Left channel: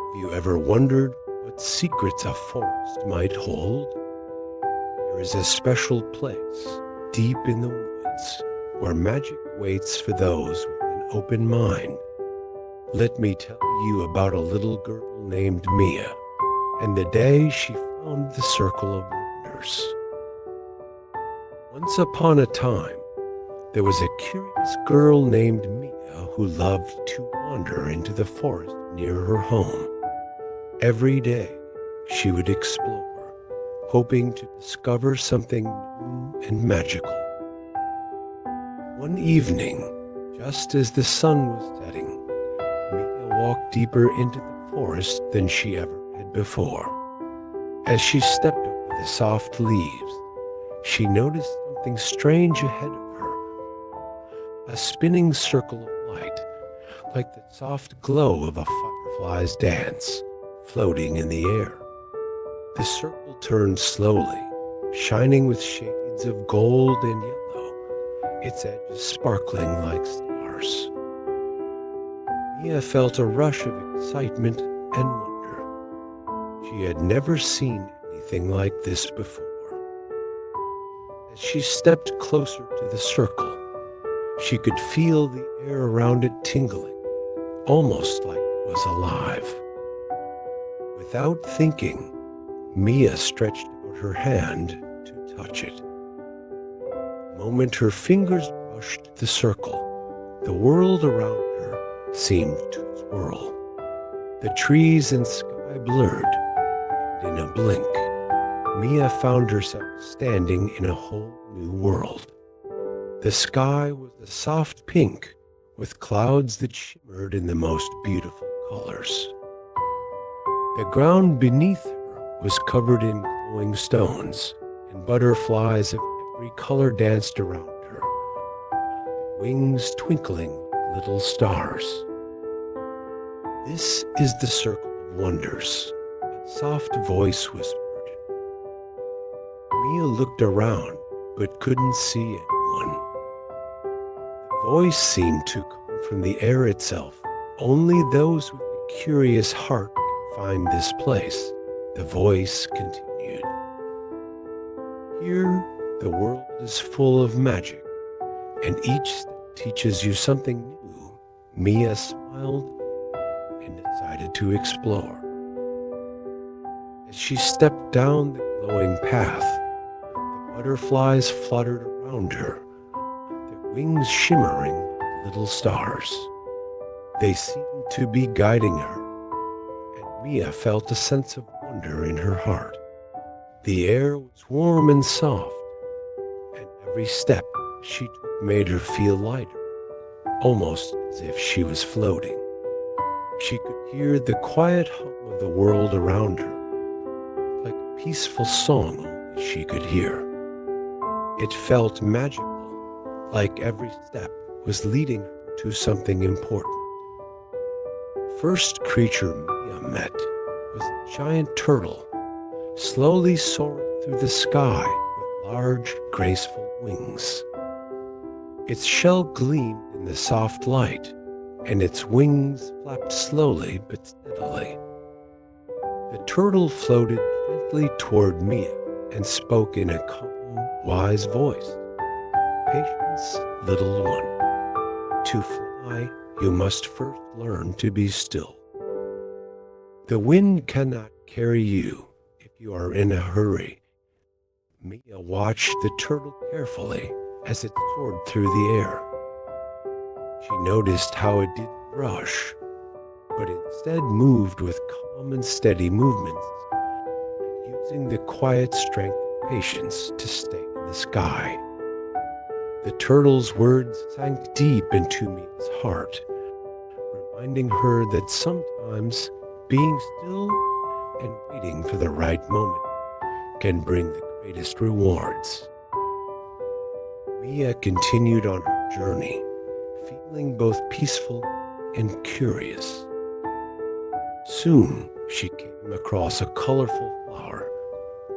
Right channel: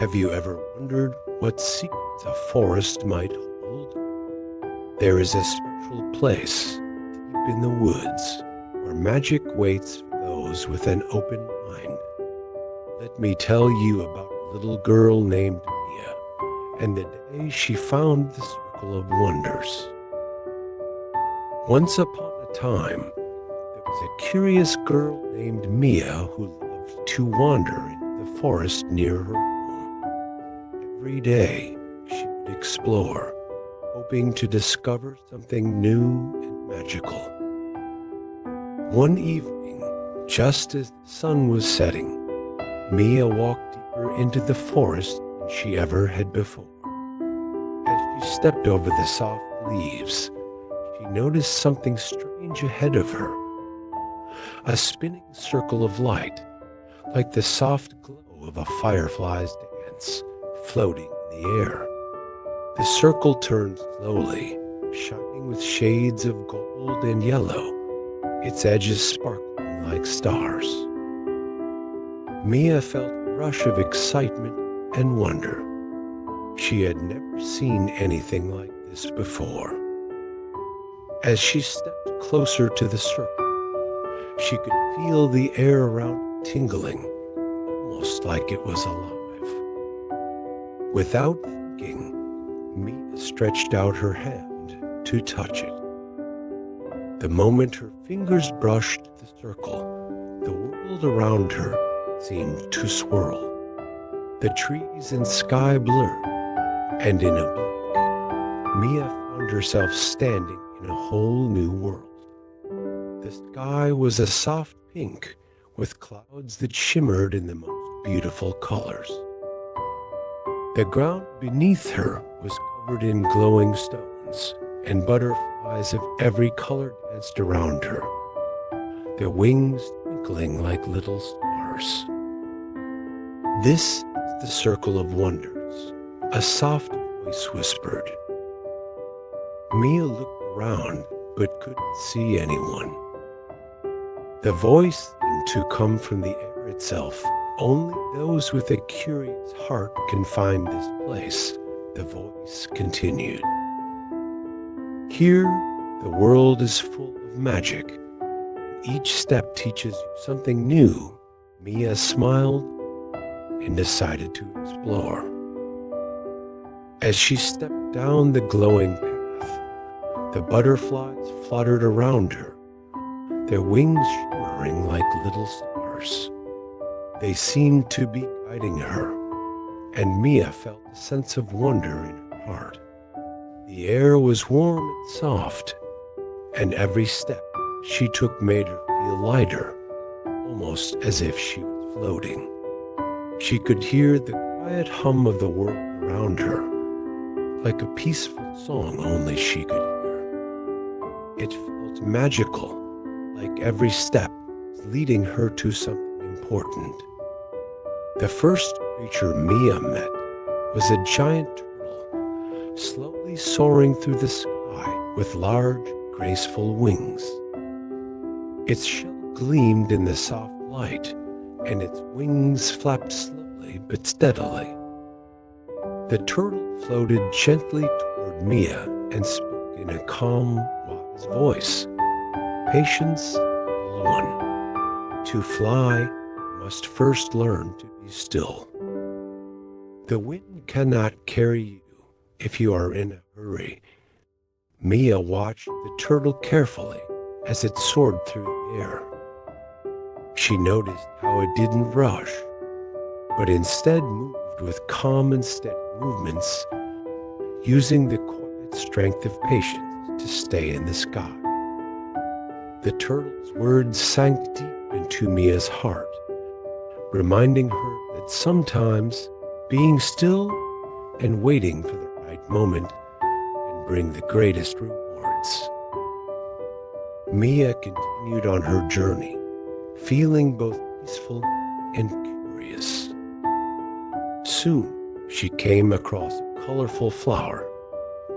Have you ever wondered what secrets a forest might hold? There is a special place, deep in the woods, where magic waits for those with an open mind. Let me tell you about a little girl named Mia, and the day she found the Circle of Wonders. Once upon a time, there was a curious girl named Mia who loved to wander into the forest near her home. Every day, she would explore, hoping to discover something new and magical. One evening, just as the sun was setting, Mia walked deeper into the forest than she ever had before. As she stepped over the soft leaves, she noticed something strange ahead of her. A spinning circle of light, like the soft glow of a firefly's dance, floating in the air. The circle turned slowly, shining with shades of gold and yellow, its edges sparkling like stars. Mia felt a rush of excitement and wonder. She had never seen anything like this before. As she stepped closer to the circle, she could feel the air around it tingling, almost like it was alive. Without thinking, Mia stretched out her hand to touch it. The moment her fingers brushed the circle, the world around her seemed to swirl. The trees and sky blurred, and in a blink, Mia found herself standing in a whole new world. The sky was a soft pink with clouds that shimmered in the most beautiful colors. The ground beneath her was covered in glowing stones, and butterflies of every color danced around her, their wings twinkling like little stars. "This is the Circle of Wonders," a soft voice whispered. Mia looked around but couldn't see anyone. The voice seemed to come from the air itself. "Only those with a curious heart can find this place," the voice continued. "Here, the world is full of magic, and each step teaches you something new." Mia smiled and decided to explore. As she stepped down the glowing path, the butterflies fluttered around her, their wings shimmering like little stars. They seemed to be guiding her, and Mia felt a sense of wonder in her heart. The air was warm and soft, and every step she took made her feel lighter, almost as if she was floating. She could hear the quiet hum of the world around her, like a peaceful song only she could hear. It felt magical, like every step was leading her to something important. The first creature Mia met was a giant turtle, slowly soaring through the sky with large, graceful wings. Its shell gleamed in the soft light, and its wings flapped slowly but steadily. The turtle floated gently toward Mia and spoke in a calm, wise voice. "Patience, little one. To fly, you must first learn to be still. The wind cannot carry you if you are in a hurry." Mia watched the turtle carefully as it soared through the air. She noticed how it didn't rush, but instead moved with calm and steady movements, using the quiet strength of patience to stay in the sky. The turtle's words sank deep into Mia's heart, reminding her that sometimes being still and waiting for the right moment can bring the greatest rewards. Mia continued on her journey, feeling both peaceful and curious. Soon, she came across a colorful flower,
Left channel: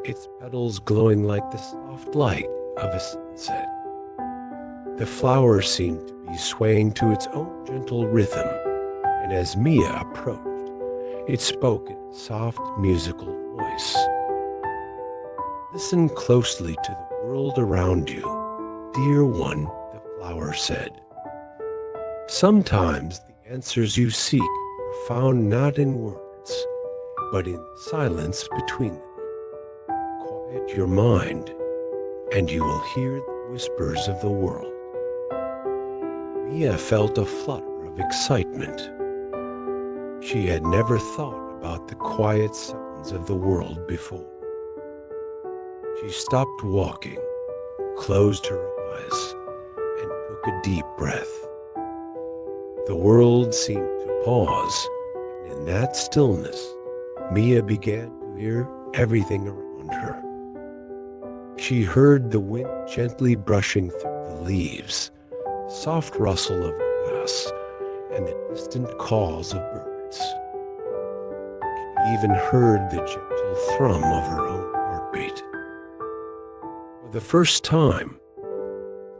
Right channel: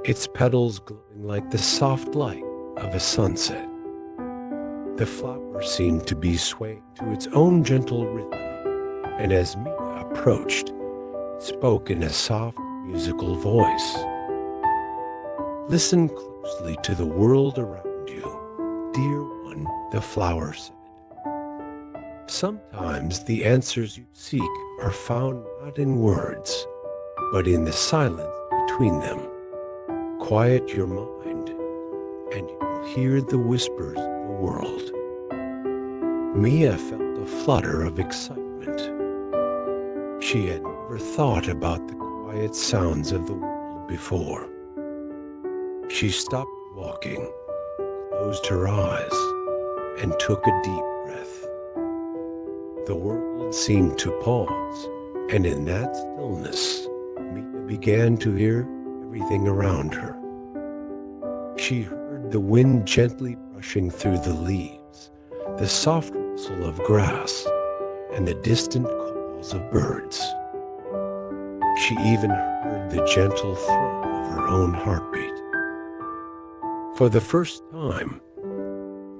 its petals glowing like the soft light of a sunset. The flower seemed to be swaying to its own gentle rhythm, and as Mia approached, It spoke in a soft, musical voice. "Listen closely to the world around you, dear one," the flower said. "Sometimes the answers you seek are found not in words, but in the silence between them. Quiet your mind, and you will hear the whispers of the world." Mia felt a flutter of excitement. She had never thought about the quiet sounds of the world before. She stopped walking, closed her eyes, and took a deep breath. The world seemed to pause, and in that stillness, Mia began to hear everything around her. She heard the wind gently brushing through the leaves, the soft rustle of grass, and the distant calls of birds. She even heard the gentle thrum of her own heartbeat. For the first time,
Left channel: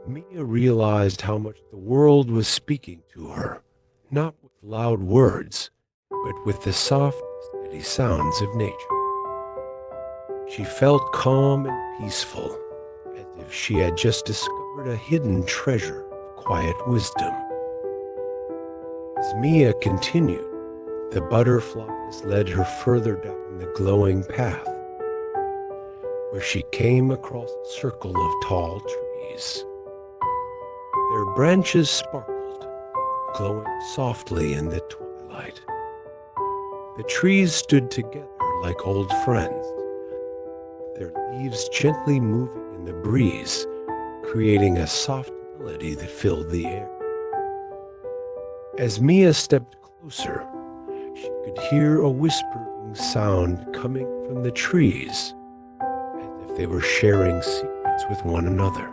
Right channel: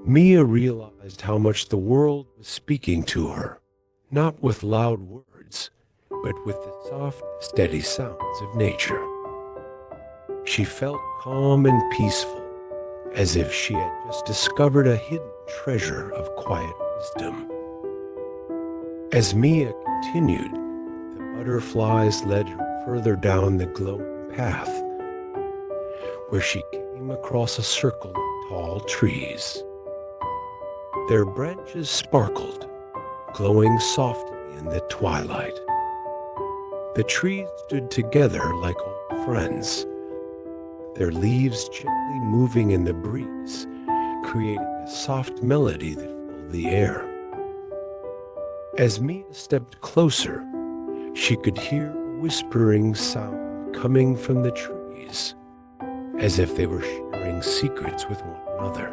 Mia realized how much the world was speaking to her, not with loud words, but with the soft, steady sounds of nature. She felt calm and peaceful, as if she had just discovered a hidden treasure of quiet wisdom. As Mia continued, the butterflies led her further down the glowing path, where she came across a circle of tall trees. Their branches sparkled, glowing softly in the twilight. The trees stood together like old friends, their leaves gently moving in the breeze, creating a soft melody that filled the air. As Mia stepped closer, she could hear a whispering sound coming from the trees, as if they were sharing secrets with one another.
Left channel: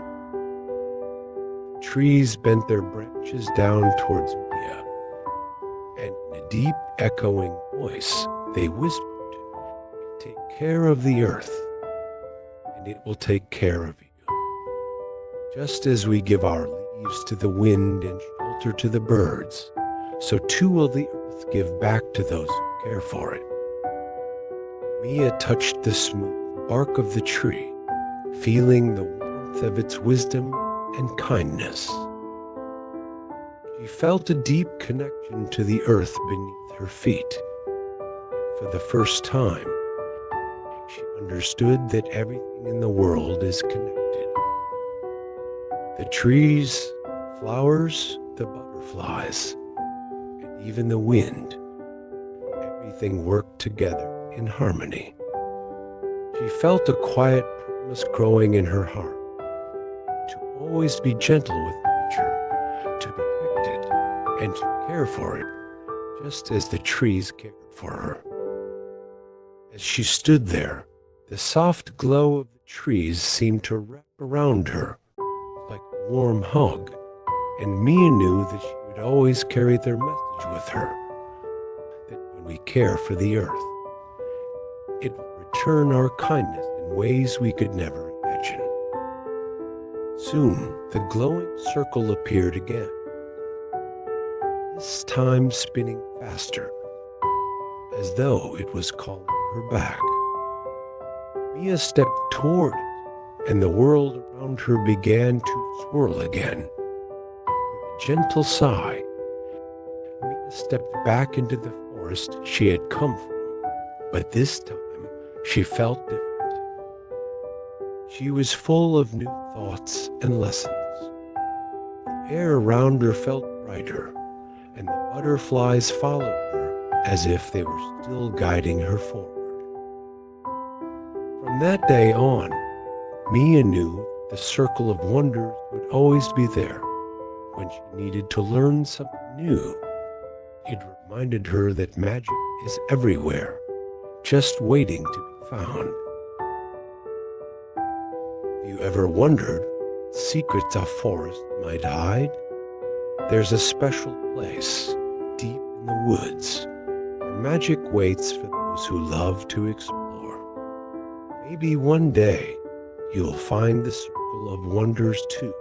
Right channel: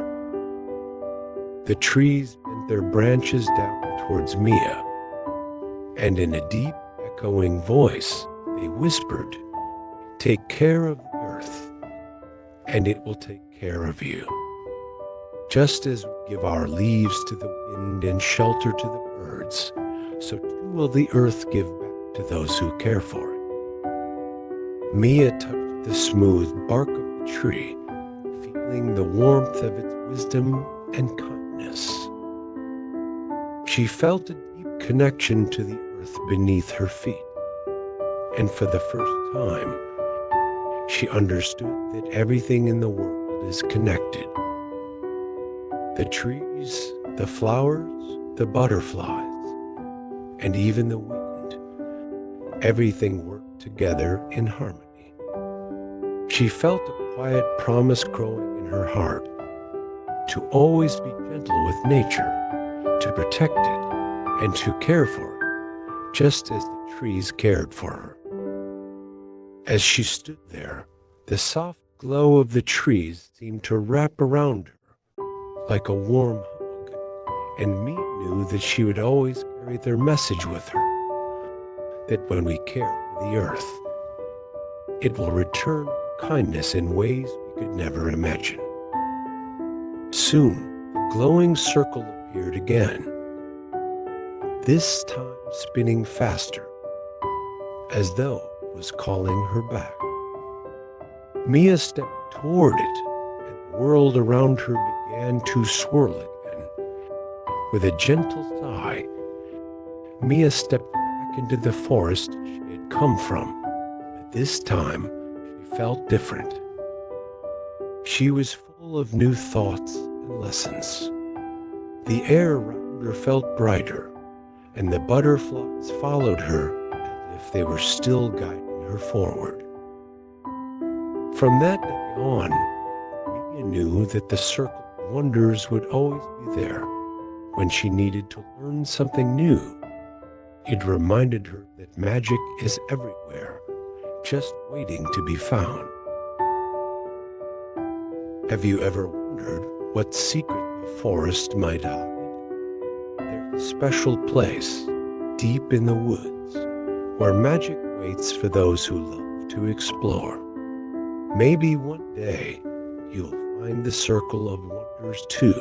The trees bent their branches down towards Mia, and in a deep, echoing voice, they whispered, "Take care of the earth, and it will take care of you. Just as we give our leaves to the wind and shelter to the birds, so too will the earth give back to those who care for it." Mia touched the smooth bark of the tree, feeling the warmth of its wisdom and kindness. She felt a deep connection to the earth beneath her feet, and for the first time, she understood that everything in the world is connected. The trees, the flowers, the butterflies, and even the wind, everything worked together in harmony. She felt a quiet promise growing in her heart to always be gentle with nature, to protect it, and to care for it, just as the trees cared for her. As she stood there, the soft glow of the trees seemed to wrap around her like a warm hug, and Mia knew that she would always carry their message with her, that when we care for the earth, it will return our kindness in ways we could never imagine. Soon, the glowing circle appeared again, this time spinning faster, as though it was calling her back. Mia stepped toward it, and the world around her began to swirl again. With a gentle sigh, Mia stepped back into the forest she had come from, but this time she felt different. She was full of new thoughts and lessons. The air around her felt brighter, and the butterflies followed her as if they were still guiding her forward. From that day on, Mia knew that the circle of wonders would always be there when she needed to learn something new. It reminded her that magic is everywhere, just waiting to be found. Have you ever wondered what secrets a forest might hide? There's a special place, deep in the woods, where magic waits for those who love to explore. Maybe one day you'll find the circle of wonders too,